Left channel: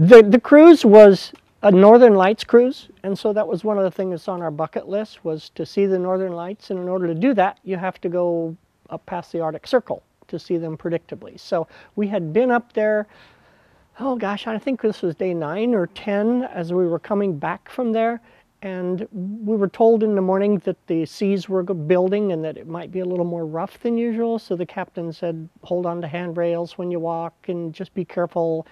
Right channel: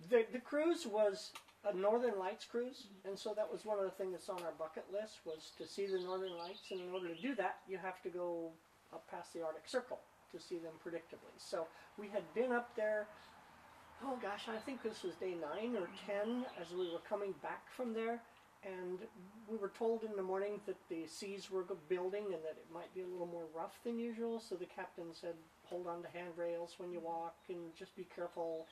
The cruise was a Northern Lights cruise, and so that was one of the things that's on our bucket list, was to see the Northern Lights, and in order to do that, you have to go up past the Arctic Circle to see them predictably. So we had been up there, oh gosh, I think this was day 9 or 10 as we were coming back from there, and we were told in the morning that the seas were building and that it might be a little more rough than usual, so the captain said, hold on to handrails when you walk and just be careful.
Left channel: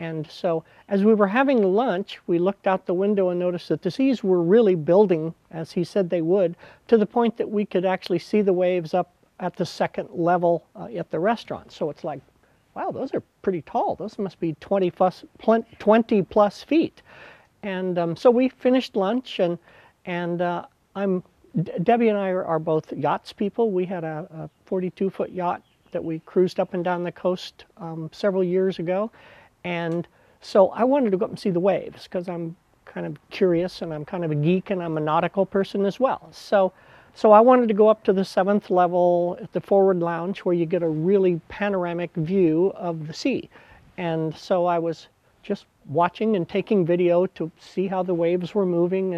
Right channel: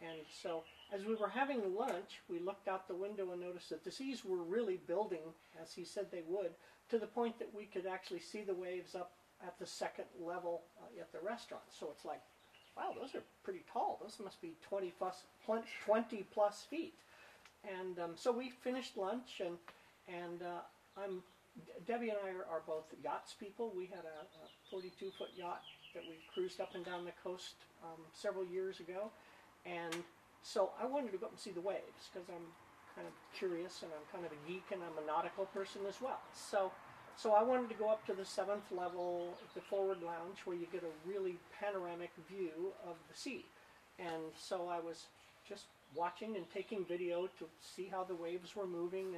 And so as we were having lunch, we looked out the window and noticed that the seas were really building, as he said they would, to the point that we could actually see the waves up at the second level at the restaurant. So it's like, wow, those are pretty tall. Those must be 20 plus feet. And so we finished lunch, and Debbie and I are both yachts people. We had a 42-foot yacht that we cruised up and down the coast several years ago. And so I wanted to go up and see the waves because I'm kind of curious and I'm kind of a geek and I'm a nautical person as well. So I wanted to go up to the 7th level at the forward lounge where you get a really panoramic view of the sea. And so I was just watching and taking video to see how the waves were moving,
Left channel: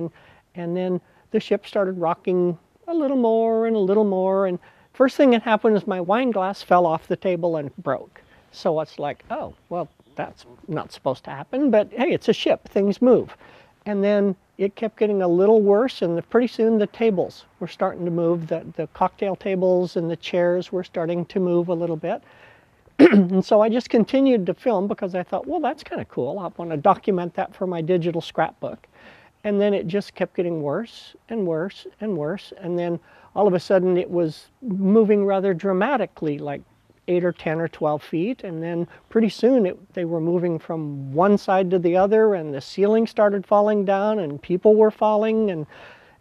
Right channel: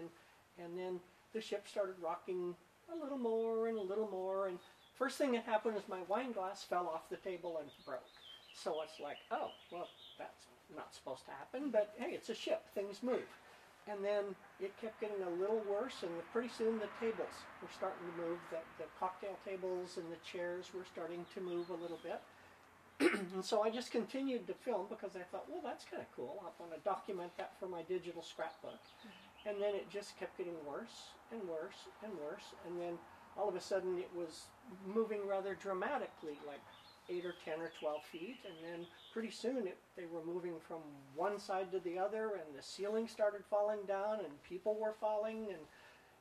and then the ship started rocking a little more and a little more, and first thing that happened is my wine glass fell off the table and broke. So it's like, oh, well, that's not supposed to happen, but hey, it's a ship, things move. And then it kept getting a little worse, and pretty soon the tables were starting to move. The cocktail tables and the chairs were starting to move a little bit. And so I just continued to film because I thought, well, that's kind of cool. I want to document that for my digital scrapbook. And then it just kept getting worse and worse and worse. And then all of a sudden it was moving rather dramatically, like 8 or 10 or 12 feet. And then pretty soon they were moving from one side to the other, and the ceiling started falling down and people were falling,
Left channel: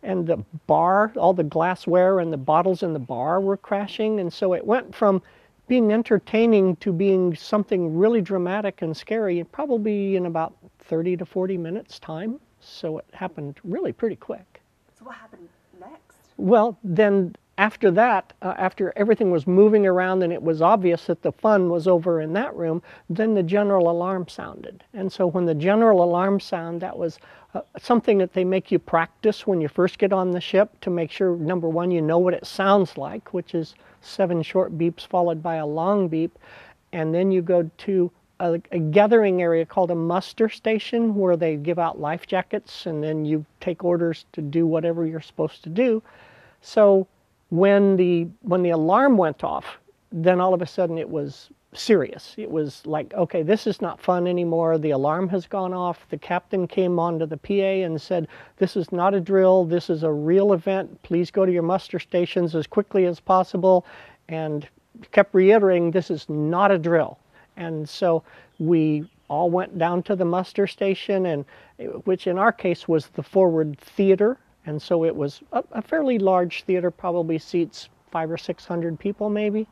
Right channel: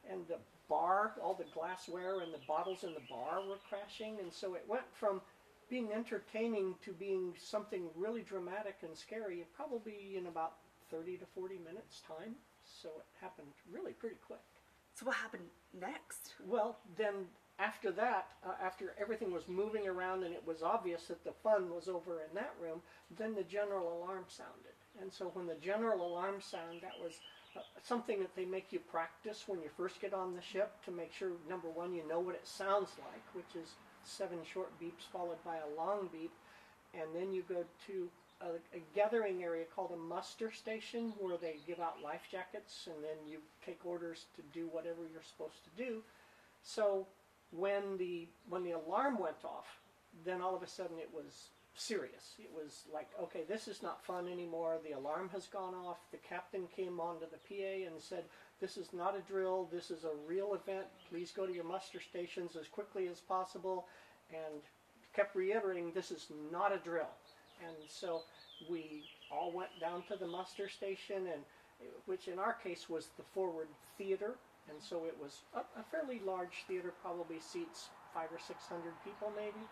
and the bar, all the glassware and the bottles in the bar were crashing. And so it went from being entertaining to being something really dramatic and scary, probably in about 30 to 40 minutes time. So it happened really pretty quick. So what happened next? Well, then after that, after everything was moving around and it was obvious that the fun was over in that room, then the general alarm sounded. And so when the general alarm sounded, that was something that they make you practice when you first get on the ship to make sure, number one, you know what it sounds like, which is 7 short beeps followed by a long beep. And then you go to a gathering area called a muster station where they give out life jackets, and then you take orders to do whatever you're supposed to do. So when the alarm went off, then all of a sudden it was serious. It was like, okay, this is not fun anymore. The alarm has gone off. The captain came onto the PA and said, this is not a drill. This is a real event. Please go to your muster stations as quickly as possible. And kept reiterating, this is not a drill. And so we all went down to the muster station, and which in our case was the forward theater. And so it was a fairly large theater, probably seats 500 or 600 people maybe.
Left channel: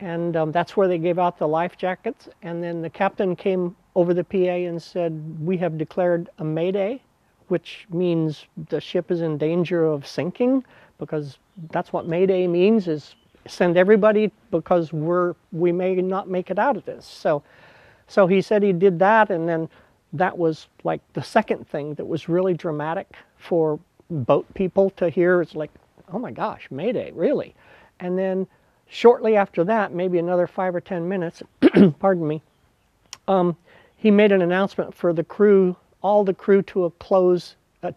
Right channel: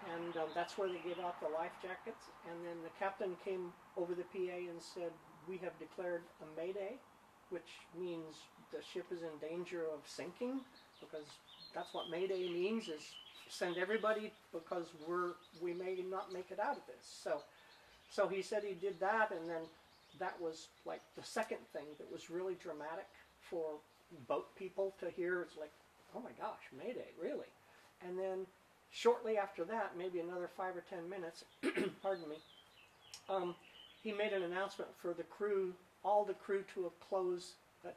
And that's where they gave out the life jackets. And then the captain came over the PA and said, we have declared a mayday, which means the ship is in danger of sinking, because that's what mayday means, is send everybody because we may not make it out of this. So he said he did that, and then that was like the second thing that was really dramatic for boat people to hear. It's like, oh my gosh, mayday, really? And then shortly after that, maybe another 5 or 10 minutes, pardon me, he made an announcement for the crew, all the crew to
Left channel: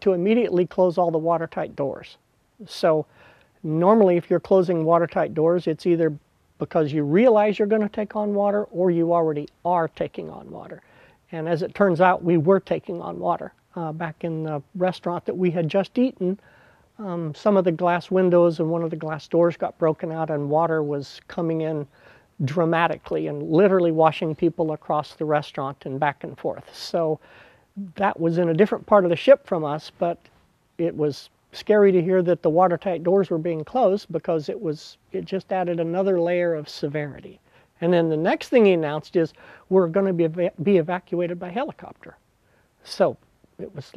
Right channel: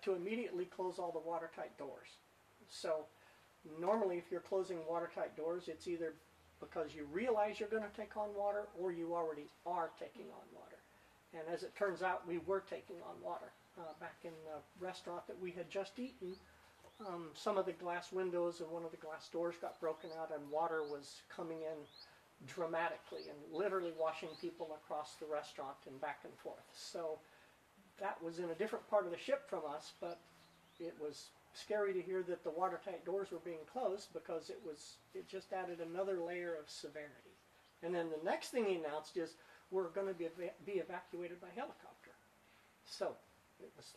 immediately close all the watertight doors. So normally if you're closing watertight doors, it's either because you realize you're going to take on water or you already are taking on water. And as it turns out, we were taking on water. Back in the restaurant that we had just eaten, some of the glass windows and one of the glass doors got broken out, and water was coming in dramatically and literally washing people across the restaurant and back and forth. So that was in a different part of the ship from us, but it was scary to hear that the watertight doors were being closed, because it just added another layer of severity. And then the next thing he announced is we're going to be evacuated by helicopter. So it was,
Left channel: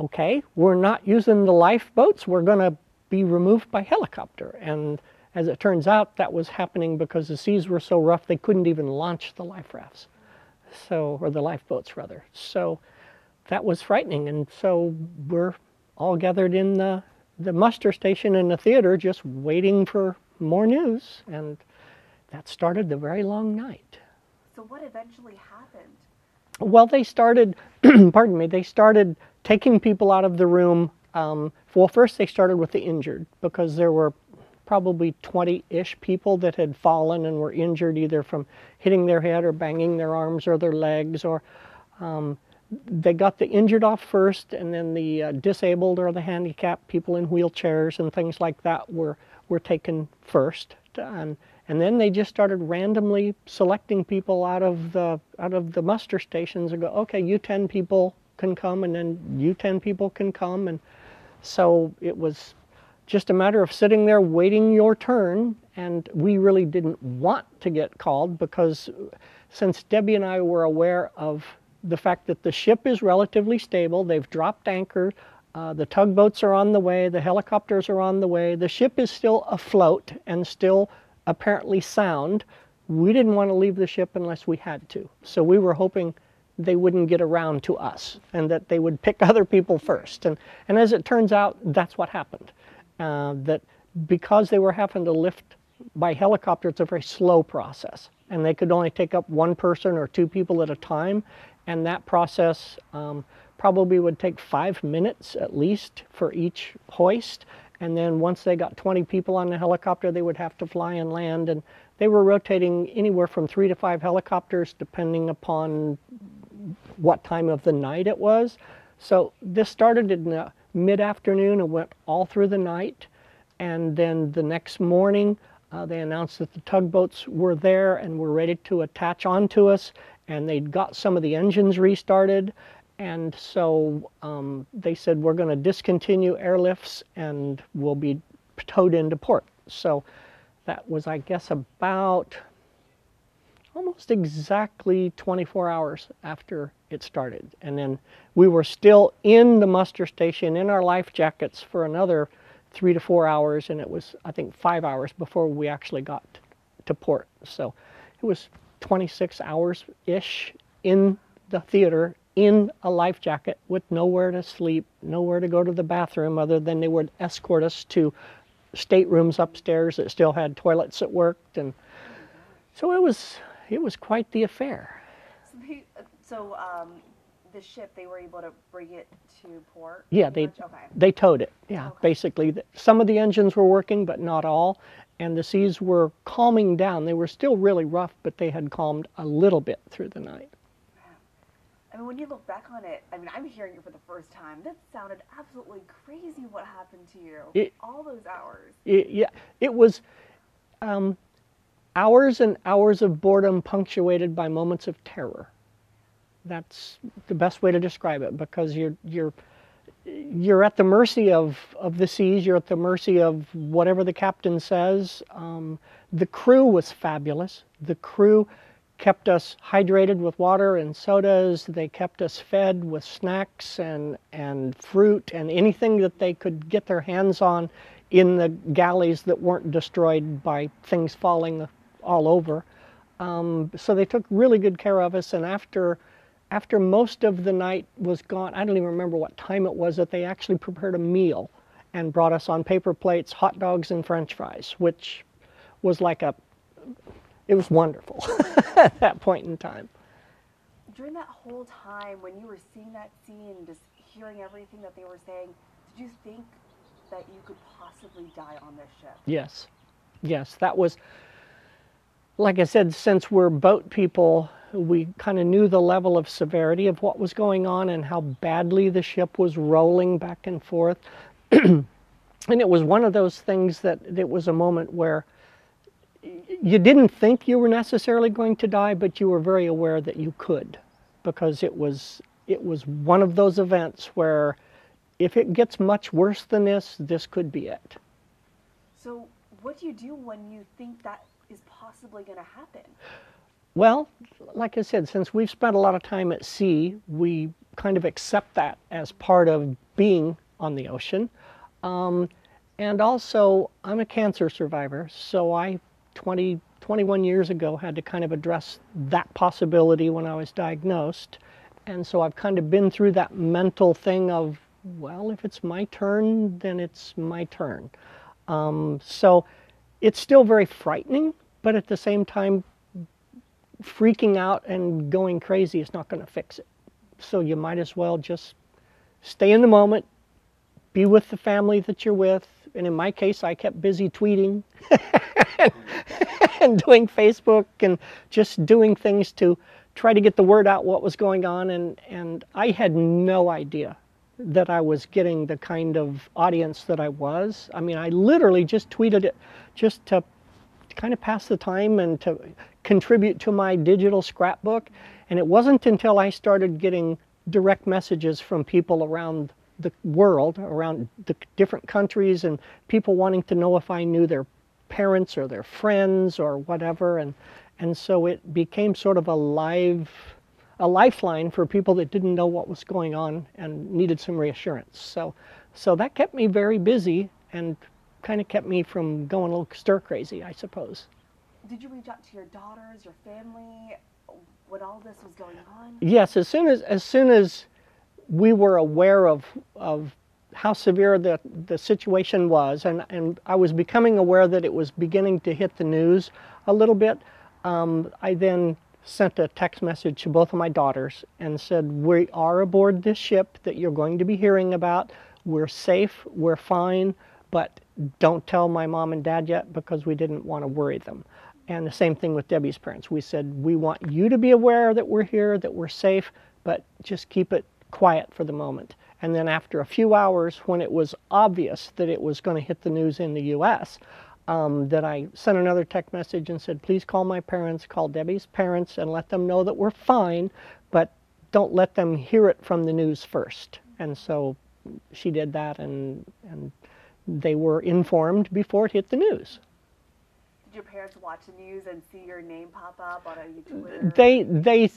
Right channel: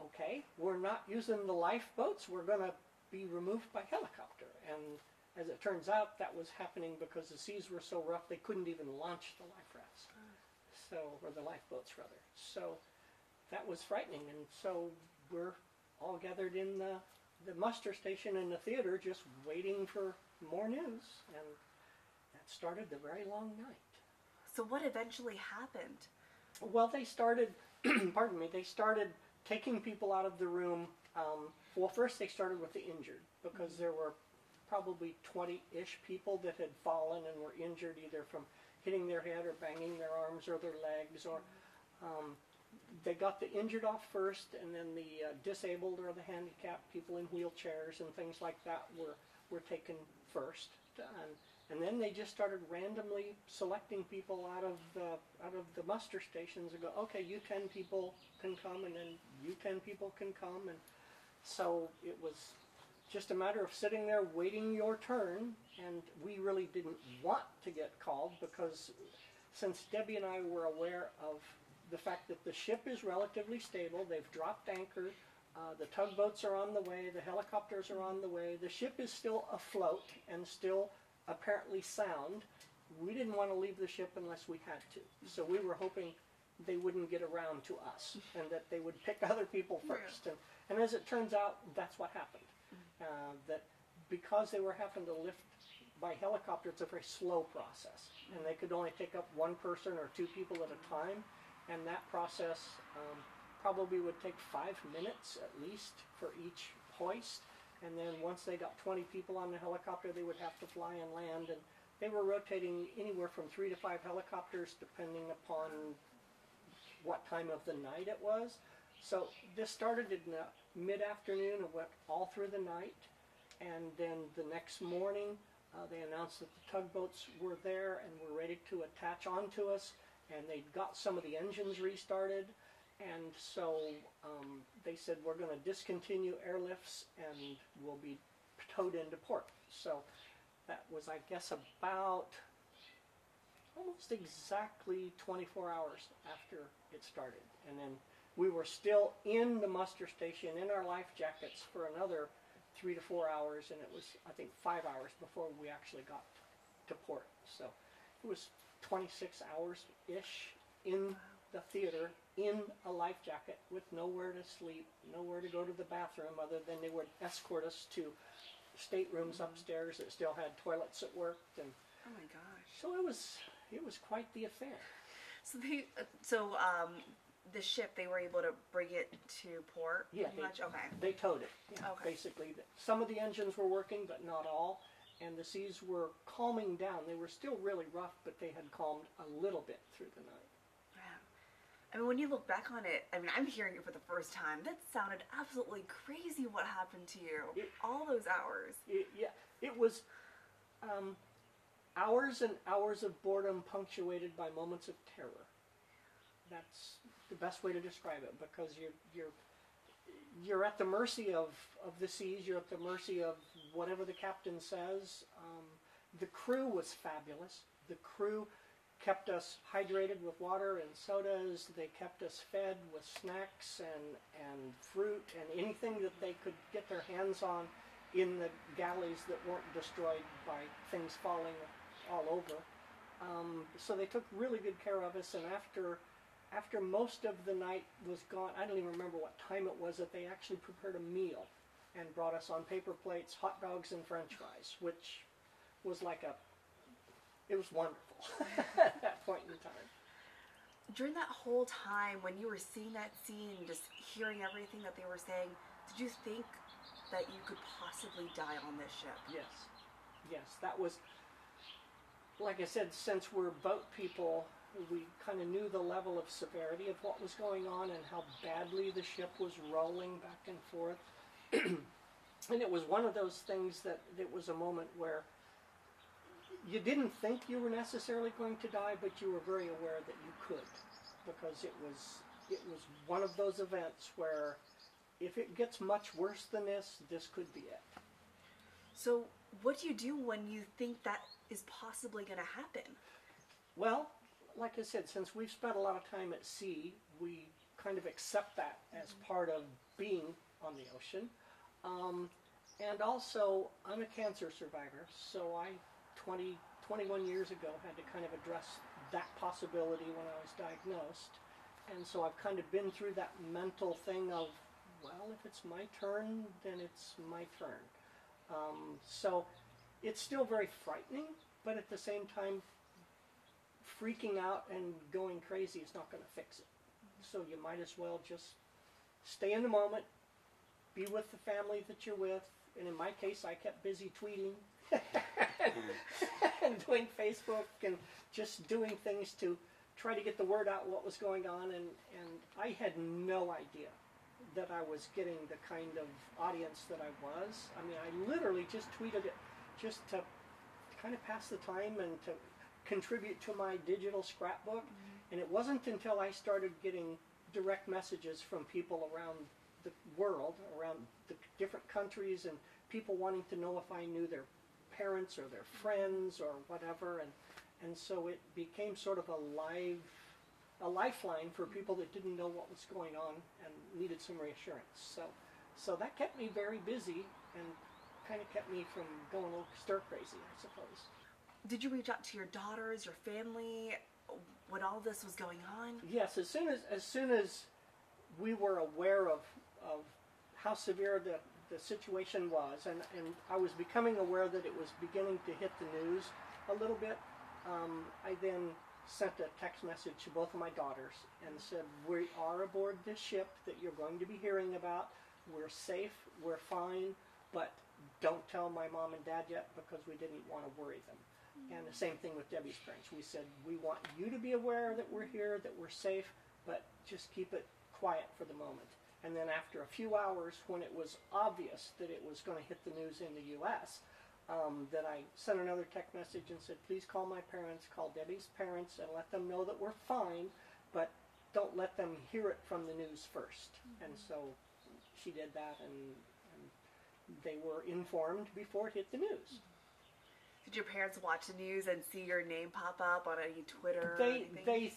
okay, we're not using the lifeboats, we're going to be removed by helicopter. And as it turns out, that was happening because the seas were so rough they couldn't even launch the life rafts. So, or the lifeboats rather. So that was frightening. And so we're all gathered in the muster station in the theater just waiting for more news. And that started the very long night. So what eventually happened? Well, they started, pardon me, they started taking people out of the room. Well, first they started with the injured because there were probably 20-ish people that had fallen and were injured either from hitting their head or banging their arms or their legs, or they got the injured off first, and then the disabled or the handicapped, people in wheelchairs and things like that were taken first. And then they just started randomly selecting people out of the muster stations and go, okay, you 10 people can come, and then you 10 people can come. And so it was just a matter of sitting there waiting your turn. And we really didn't want to get called because since Debbie and I were aware of the fact that the ship is relatively stable, they've dropped anchor, the tugboats are on the way, the helicopters are on the way, the ship is still afloat and still apparently sound. We didn't want to leave the ship unless we had to. So we were hoping they wouldn't get around to us and that they would pick other people first. And as it turns out, that's what happened. That because they were having to lift by helicopter, it's a very slow process. And they could only take up one person or two people at a time. And that process probably would take 5 minutes at least for each hoist. And then once they got 20 people on the helicopter, they would have to fly and land. And they were rotating anywhere from 3 to 5 helicopters, depending upon what time of the night it was. So this started in the mid-afternoon and went all through the night. And then the next morning, they announced that the tugboats were there and were ready to attach onto us. And they'd got some of the engines restarted. And so they said, we're going to discontinue airlifts and we'll be towed into port. So that was, I guess, about almost exactly 24 hours after it started. And then we were still in the muster station in our life jackets for another 3 to 4 hours. And it was, I think, 5 hours before we actually got to port. So it was 26 hours-ish in the theater in a life jacket with nowhere to sleep, nowhere to go to the bathroom other than they would escort us to staterooms upstairs that still had toilets that worked. And so it was quite the affair. So the ship, they were able to bring it to port? Yeah, they towed it. Yeah, okay. Basically. Some of the engines were working, but not all. And the seas were calming down. They were still really rough, but they had calmed a little bit through the night. I mean, when you look back on it, I mean, I'm hearing it for the first time. That sounded absolutely crazy what happened to you. All those hours. It was hours and hours of boredom punctuated by moments of terror. That's the best way to describe it, because you're at the mercy of the seas. You're at the mercy of whatever the captain says. The crew was fabulous. The crew kept us hydrated with water and sodas. They kept us fed with snacks and fruit and anything that they could get their hands on in the galleys that weren't destroyed by things falling all over. So they took really good care of us. And after most of the night was gone, I don't even remember what time it was, that they actually prepared a meal and brought us on paper plates hot dogs and French fries, which was like it was wonderful at that point in time. During that whole time, when you were seeing that scene, just hearing everything that they were saying, did you think that you could possibly die on this ship? Yes. Yes, that was, like I said, since we're boat people, we kind of knew the level of severity of what was going on and how badly the ship was rolling back and forth. And it was one of those things that it was a moment where you didn't think you were necessarily going to die, but you were very aware that you could, because it was one of those events where if it gets much worse than this could be it. So what do you do when you think that is possibly going to happen? Well, like I said, since we've spent a lot of time at sea, we kind of accept that as part of being on the ocean. And also, I'm a cancer survivor, so 20 21 years ago, had to kind of address that possibility when I was diagnosed. And so I've kind of been through that mental thing of, well, if it's my turn, then it's my turn. So it's still very frightening, but at the same time, freaking out and going crazy is not going to fix it. So you might as well just stay in the moment, be with the family that you're with. And in my case, I kept busy tweeting and doing Facebook and just doing things to try to get the word out what was going on. And I had no idea that I was getting the kind of audience that I was. I mean, I literally just tweeted it just to kind of pass the time and to contribute to my digital scrapbook. And it wasn't until I started getting direct messages from people around the world, around the different countries, and people wanting to know if I knew their parents or their friends or whatever. And so it became sort of a lifeline for people that didn't know what was going on and needed some reassurance. So that kept me very busy and kind of kept me from going a little stir crazy, I suppose. Did you reach out to your daughters, your family, when all this was going on? Yes, as soon as we were aware of how severe the situation was, and I was becoming aware that it was beginning to hit the news a little bit, I then sent a text message to both of my daughters and said, we are aboard this ship that you're going to be hearing about. We're safe, we're fine, but don't tell my mom and dad yet because we didn't want to worry them. And the same thing with Debbie's parents. We said, we want you to be aware that we're here, that we're safe, but just keep it quiet for the moment. And then after a few hours, when it was obvious that it was going to hit the news in the U.S., that I sent another text message and said, please call my parents, call Debbie's parents, and let them know that we're fine, but don't let them hear it from the news first. And so she did that, and they were informed before it hit the news. Did your parents watch the news and see your name pop up on any Twitter?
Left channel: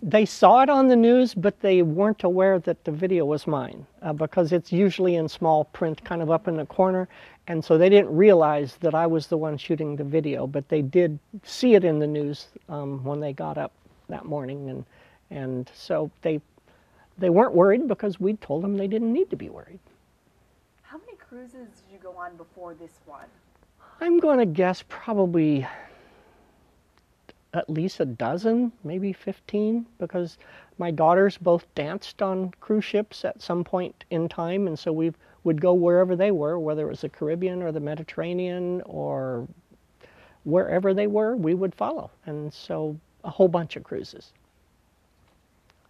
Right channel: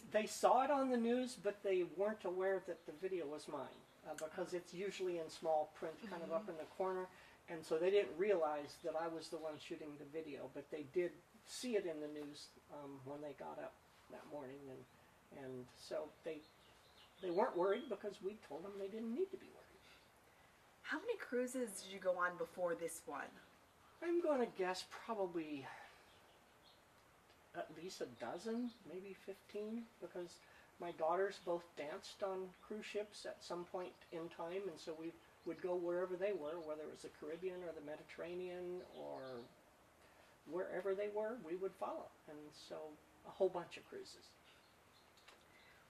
They saw it on the news, but they weren't aware that the video was mine because it's usually in small print kind of up in the corner. And so they didn't realize that I was the one shooting the video, but they did see it in the news when they got up that morning. And so they weren't worried because we told them they didn't need to be worried. How many cruises did you go on before this one? I'm going to guess probably at least a dozen, maybe 15, because my daughters both danced on cruise ships at some point in time, and so we would go wherever they were, whether it was the Caribbean or the Mediterranean or wherever they were, we would follow. And so a whole bunch of cruises.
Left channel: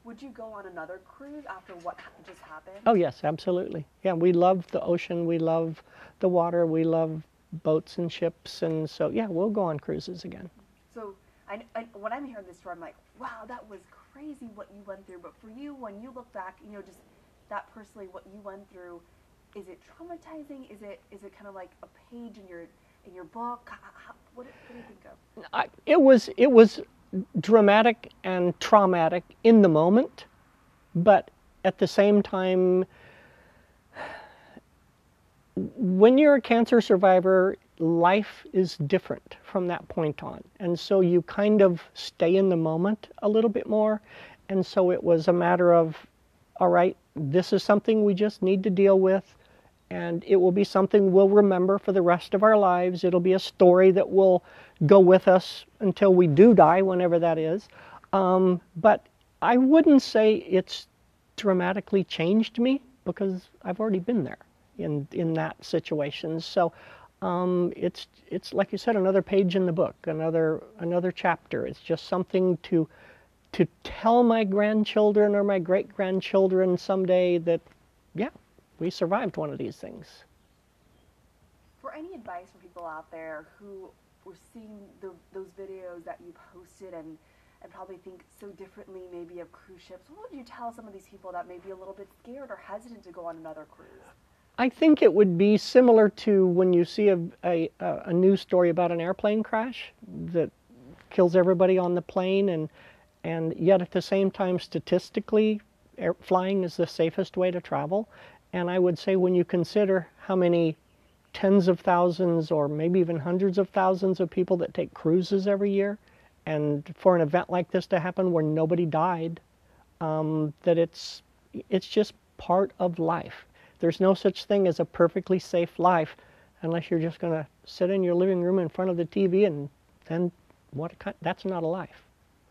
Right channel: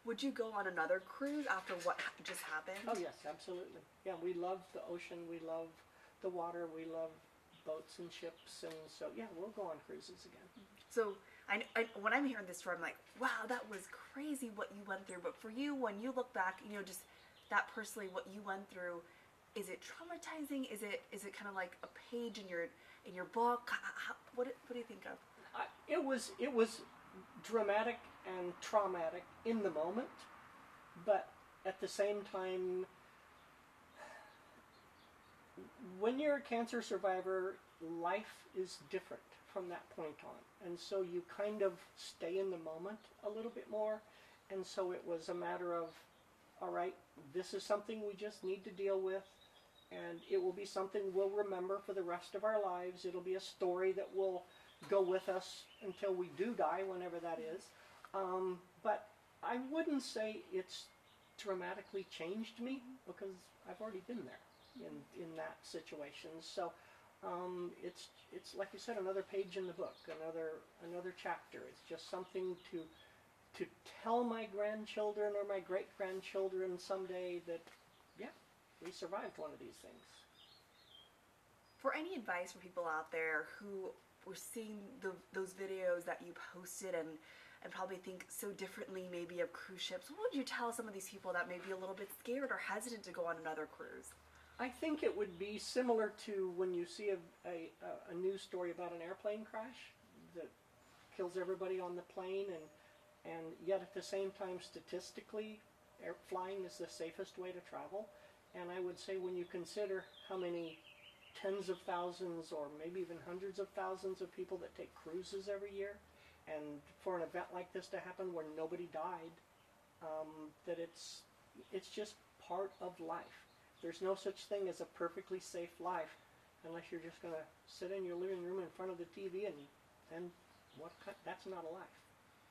Would you go on another cruise after what just happened? Oh yes, absolutely. Yeah, we love the ocean, we love the water, we love boats and ships, and so yeah, we'll go on cruises again. So when I'm hearing this story, I'm like, wow, that was crazy what you went through. But for you, when you look back, you know, just that personally, what you went through, is it traumatizing? Is it kind of like a page in your book? What do you think of? It was dramatic and traumatic in the moment, but at the same time, when you're a cancer survivor, life is different from that point on. And so you kind of stay in the moment a little bit more. And so it was a matter of, all right, this is something we just need to deal with. And it will be something we'll remember for the rest of our lives. It'll be a story that will go with us until we do die, whenever that is. But I wouldn't say it's dramatically changed me because I've already been there in that situation. So it's like you said, another page in the book, another chapter. It's just something to tell my grandchildren or my great-grandchildren someday that, yeah, we survived one of these things. For any advice for people out there who were seeing those videos that you posted and probably think so differently maybe of cruise ships, what would you tell some of these people that may be a little bit scared or hesitant to go on another cruise? I think it would be similar to when you see a news story about an airplane crash that kills everybody on the plane, and yet at the same time, statistically, flying is the safest way to travel. And I would say when you consider how many tens of thousands or maybe even hundreds of thousands of people that take cruises every year, and for an event like this to happen where nobody died, that it's just part of life. There's no such thing as a perfectly safe life unless you're just going to sit in your living room in front of the TV, and then that's not a life.